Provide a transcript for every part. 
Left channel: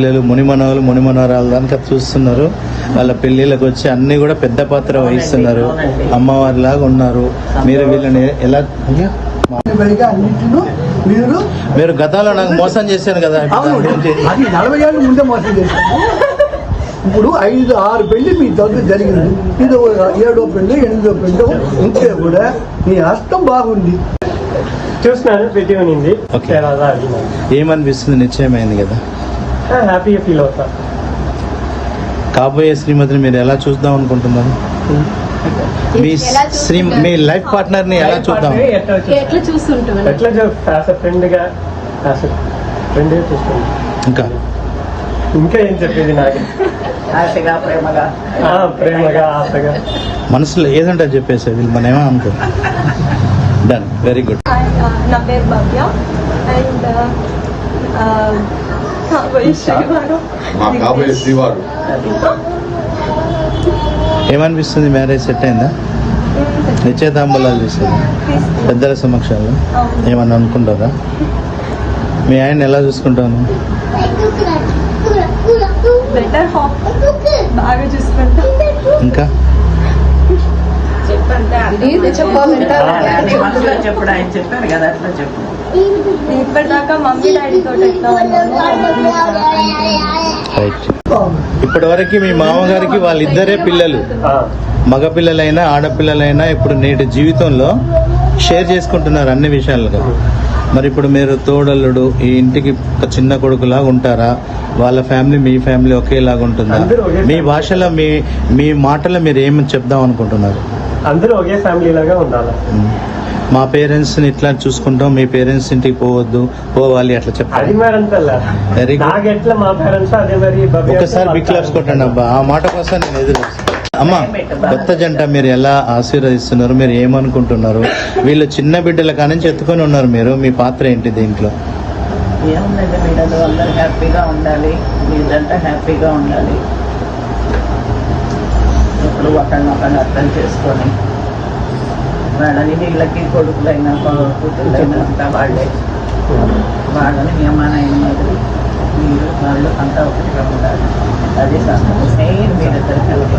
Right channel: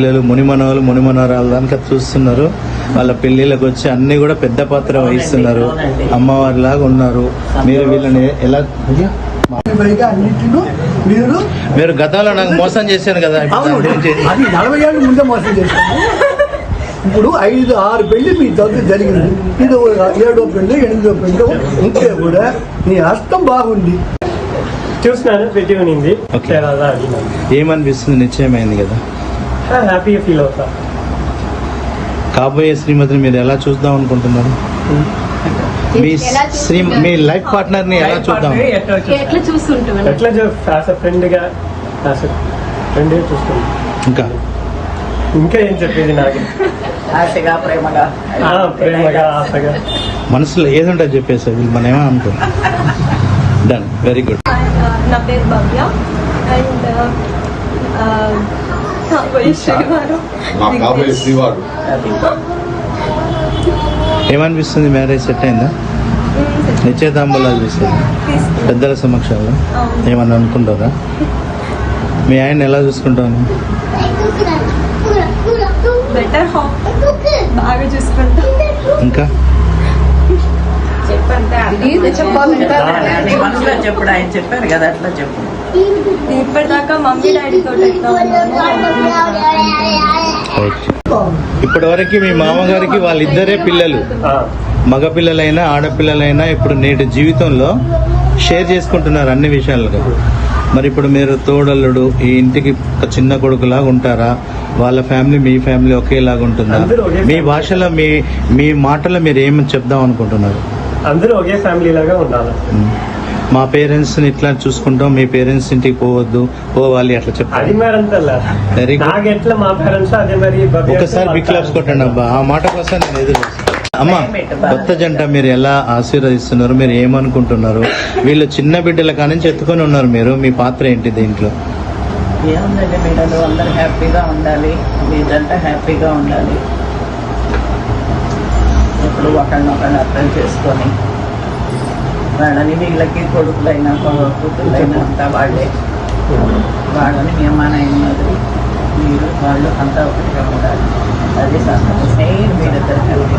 పిల్లలు మునిమనరాలు అంతా చూస్తున్నారు. వాళ్ళ పెళ్లిళ్ళకి వచ్చి అన్ని కూడా పెద్ద పాత్ర వహిస్తున్నారు, అమ్మవారి లాగా ఉన్నారు. మీరు వీళ్ళని ఎలా మీరు గతంలో నాకు మోసం చేశారు కదా, అది 40 ఏళ్ళ ముందే మోసం చేశాను. ఇప్పుడు 5-6 పెళ్లి మీ దగ్గర జరిగింది, ఇది 7వ పెళ్లి 8వ పెళ్లి ఉంటే కూడా నీ హస్తం బాగుంది. చూసినాను, పెట్టి ఉన్నింది. ఏమనిపిస్తుంది? నిశ్చయమైంది కదా, హ్యాపీగా ఫీల్ అవుతా. కాబోయే శ్రీమతిని మీరు ఎలా చూద్దాం అనుకుంటున్నారు? మీ లైఫ్ పార్ట్నర్ ని ఎలా చూద్దాం? ఫ్రెండ్ చూస్తున్నా. ఇంకా ఏం చెప్పేది? నాకు ఆశగా ప్రేమగా ఆశగా మనసులో ఏదుంటుంది చెప్పేసి మనం ఏమనుకుంటాం. Done, very good. నా పేరు భవ్య అండ్ శ్రీవారు. ఏమనిపిస్తుంది? మ్యారేజ్ సెట్ అయిందా? నిశ్చయితాంబలాలు చూస్తారు పెద్దల సమక్షంలో, ఏమన్నా అనుకుంటారా? మీ ఆయన ఎలా చూసుకుంటాను? బెటర్ హాఫ్ బాగా చూసుకుంటా. ఇంకా చెప్పుడు ఆయన చెప్పారు కదా, అట్లా చెప్పు. ఇప్పటిదాకా మమ్మీ డాడీతో ఎట్లా ఉన్నాను రైట్. ఇప్పటి వరకు మీ మామగారికి వాళ్ళిద్దరే పిల్లలు, మగపిల్లలైనా ఆడపిల్లలైనా ఇప్పుడు నేటి జీవితంలో షేర్ చేసుకుంటున్నారు అన్ని విషయాలు కదా. మరి ఇప్పుడు మీరు తోడల్లుడు, ఈ ఇంటికి చిన్న కొడుకులా ఉంటారా? వాళ్ళ ఫ్యామిలీ మీ ఫ్యామిలీ ఒకేలాగా ఉంటుందా? మీ భాషలో మీ మాటలో మీరు ఏమి చెప్దాం అనుకుంటున్నారు? అందరూ ఒకే ఫ్యామిలీ లాగా ఉండాలి. మా పేరెంట్స్ ని ఇట్లా చూసుకుంటాం, మీ పేరెంట్స్ ఇంటికి పోవాలి అట్లా చెప్తారు. ఒకసారి బిగ్ క్లాప్స్ కొట్టండి అబ్బా, ఆ మాట కోసం నేను ఎదురు. అమ్మా, కొత్త జంట మీరు ఎలా ఆశీర్వదిస్తున్నారు? మీరు ఏమనుకుంటున్నారు? వీళ్ళు చిన్న బిడ్డల కానించి ఎత్తుకొని ఉన్నారు, మీరు మీ పాత్ర ఏంటి దీంట్లో? ఏముందండి, బిడ్డలు అందరూ హ్యాపీగా ఉండాలి, మీదంతా హ్యాపీగా ఉండాలి. ఇప్పుడు ఒకరినొకరిని అర్థం చేసుకొని వాళ్ళని, వీళ్ళకి కొడుకులైనా కూతుళ్ళైనా అంతా వాళ్ళని నియమానైన మాదిరి మీరు వాళ్ళు అంతా ఒకటిగా ఉండాలి. అది మెయిన్ మీరిద్దరు కలిగి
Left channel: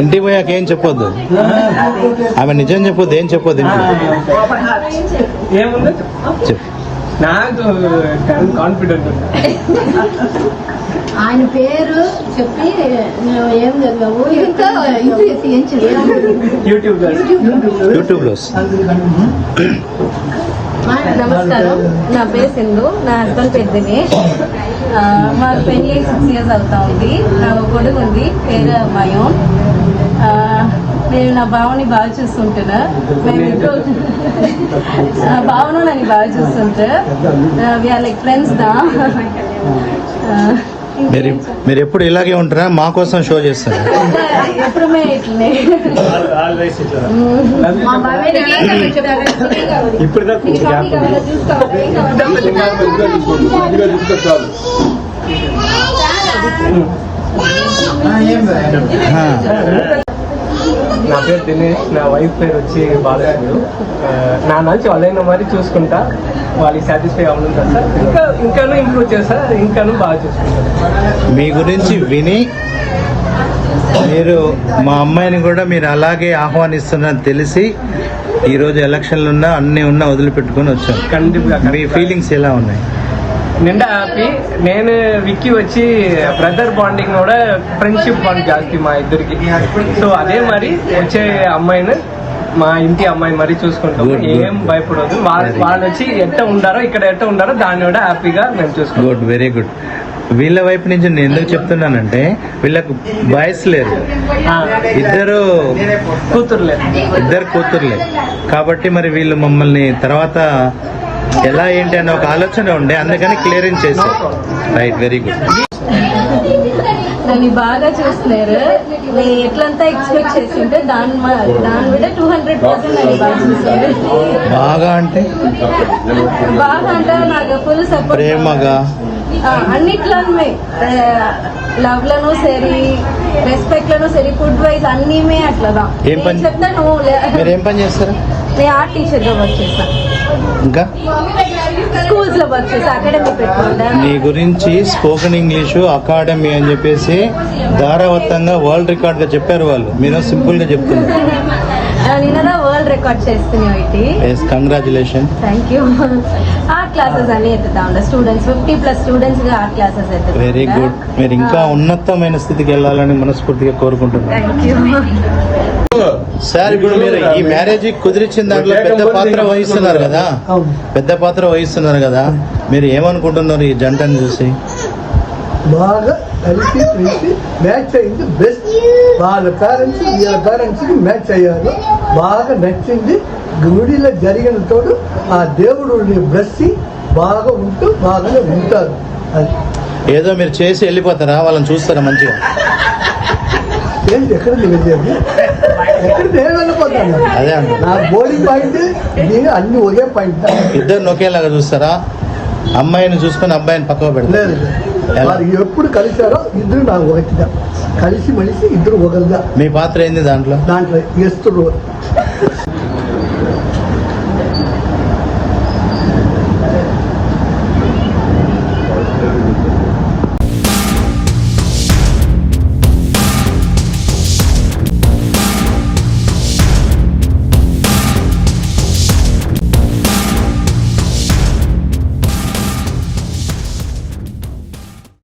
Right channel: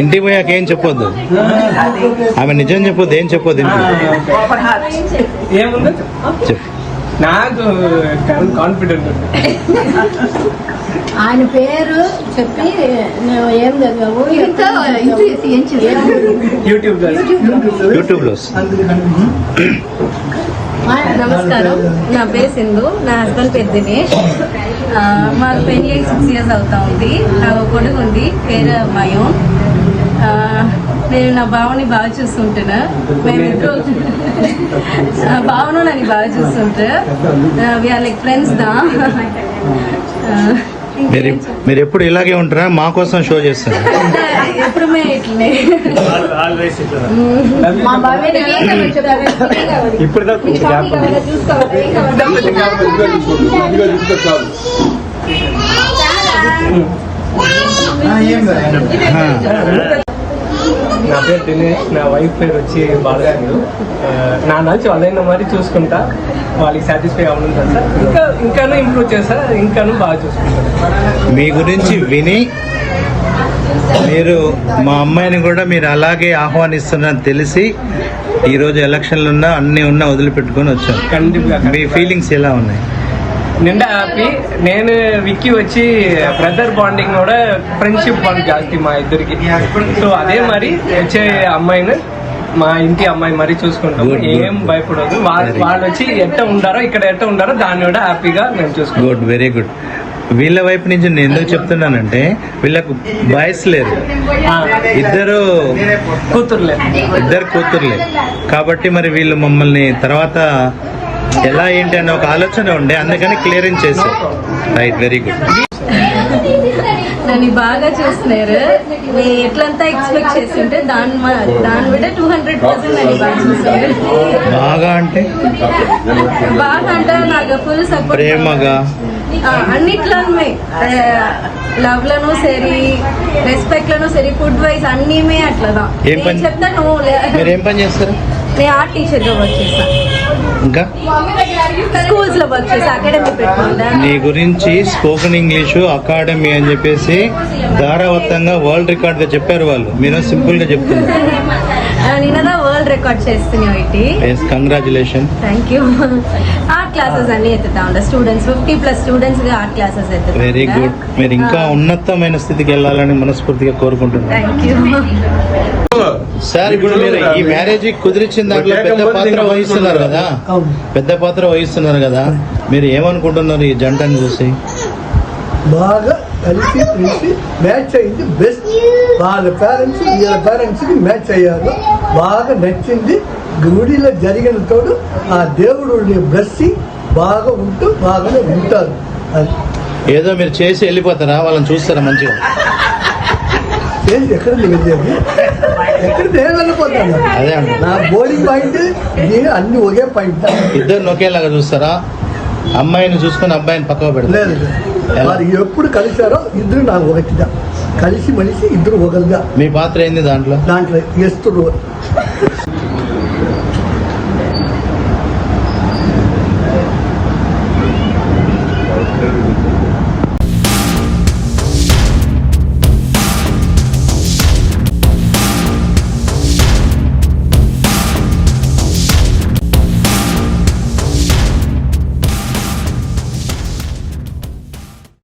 ఇంటికి పోయాక ఏం చెప్పొద్దు, ఆమె నిజం చెప్పొద్దు, ఏం చెప్పొద్దు. నాకు కాన్ఫిడెంట్ ఆయన పేరు చెప్పి ఏం జరిగావు యూట్యూబ్ లో. నమస్కారం, నా పేరు సింధు, నా హస్బెండ్ పేరు దినేష్. మా పెళ్లి 6 years అవుతా ఉంది. నా కొడుకు ఉంది, పేరు మయం. నేను నా బావని బాగా చూస్తుంటున్నా, నేను బావను నన్ను బాగా చూస్తుంటా. వీఆర్ లైక్ ఫ్రెండ్స్ దా. మీరు ఎప్పుడు ఇలాగే ఉంటారా? మా కోసం షో చేస్తారు ఎప్పుడుమే ఇట్లనే. ఇప్పుడు నా పేరు దినేష్, నా వైఫ్ పేరు వచ్చి బాలరాజు. నా నుంచి వాళ్ళైనా మరి చూసుకుంటా, వాళ్ళకి సాటిస్ఫై అవ్వనుంటారు సార్. ఇంకాను ఇంప్రూవ్ చేస్తా, ఇంకాను బాగా చూసుకుంటారు. మీ గురించి విని మీరు మా అమ్మాయిని కూడా మీరు అలాగే ఆహ్వానిస్తున్నారని తెలిసి ఈ రోజు ఎలక్షన్లు ఉన్నా అన్ని ఉన్నా వదిలిపెట్టుకుని వచ్చాం. మీ ఫీలింగ్స్ ఎలా ఉన్నాయి? నిండా హ్యాపీ. నేను విక్కీ వచ్చి బ్రదర్ బాండింగ్ కూడా ఫ్రెండ్షిప్ బాండ్ జాస్తి మా ఇద్దరికి. సో అదే మరి వచ్చే అమ్మాయిని మా ఇంటి అమ్మాయి మరీ చూసుకుంటాం, ఏం భయపడదు. వాళ్ళు వచ్చి ఎట్ట ఉండారో ఇక్కడ ఎట్ట ఉండారో దాన్ని కూడా హ్యాపీగా మేము చూసుకుంటాం. Good, very good. వీళ్ళ వైపు నుంచి నేను ఎందుకు చెప్తున్నానంటే వీళ్ళకు బాయ్స్ లేరు, ఇద్దరు కూతుర్లే కాబట్టి మరి వీళ్ళు మమ్మల్ని తర్వాత ఎలా ఏంటి అనే ఒక ఆలోచన ఉండే, అందుకని క్లియరెన్స్ చేశారు. Right, very good. నన్ను బాగా చూస్తున్నారు. ఎట్లంతా ఎక్స్పెక్ట్ చేస్తుంటే దాని కూడా 200% నన్ను బాగా చూస్తున్నారు. బాగా అంటే బాగా అంటే నాకు ఫుల్ సపోర్ట్. ప్రేమగా అన్నిట్లోనే లవ్ లను సరి రెస్పెక్ట్ లను సరి ఫుడ్ వైజ్ అన్ని అట్లా ఏం పని? నేను చెప్తాను మీరు ఏం పని చేస్తారు? నేను ఆర్ట్ టీచర్ గా వర్క్ చేస్తాను, ఇంకా స్కూల్స్ లో వర్క్ చేస్తాను, అకాడమీ పెట్టుకుంటా. మీ గురించి స్పోకెన్ ఇంగ్లీషు అకాడమీ అని చెప్పేసి ధారావత్తంగా వరల్డ్ రికార్డ్ గా చెప్పారు వాళ్ళు. మీరు సింపుల్ గా చెప్తున్నారు. నిన్నదా వరల్డ్ రికార్డ్ చేస్తున్నావు ఇట్టి. Congratulation. Thank you. Art classes అన్ని ఎత్తుతా ఉంటా స్టూడెంట్స్, 50+ స్టూడెంట్స్ గా ఆర్ట్ క్లాసెస్ వెరీ గుడ్. మీరు ఇంకా ఉన్నతమైన స్థితికి వెళ్ళాలని మనస్ఫూర్తిగా కోరుకుంటున్నాను. Thank you. సార్, ఇప్పుడు మీరు ఈ మ్యారేజ్ కుదిరించిన దాంట్లో పెద్ద పాత్ర వహిస్తున్నారు కదా, అవును. పెద్ద పాత్ర వహిస్తున్నారు కదా, మీరు ఏమనుకుంటున్నారు ఈ జంటను చూసి? బాగా కలిసి పిలిచి మ్యాచ్ అయింది బెస్ట్. వాళ్ళ పేరెంట్స్ వీళ్ళ పేరెంట్స్ కి మ్యాచ్ అయ్యారు, బాగా నచ్చింది. గుడిలో జరిగిన తోడు ఆ దేవుడు బ్లెస్సింగ్ బాగా ఉంటూ బాగానే ఉంటారు. అది ఏదో మీరు చేసి వెళ్ళిపోతారా? వాళ్ళని చూస్తారా మంచిగా? ఏంటి ఎక్కడ వెళ్ళేది? ఎక్కడ నేను వెళ్ళిపోతాను. అదే అండి, నా బోర్డింగ్ పాయింట్ ఇది అన్ని ఒకే పాయింట్. ఇద్దరు ఒకేలాగా చూస్తారా? అమ్మాయిని చూసుకొని అబ్బాయిని పక్కకు పెడతారు? లేదు వారు ఎప్పుడు కలిశారో ఇద్దరు నాకు ఒకటిగా కలిసి మనిషి ఇద్దరు ఒకరుగా. మీ పాత్ర ఏంది దాంట్లో? దాంట్లో ఎస్తుడు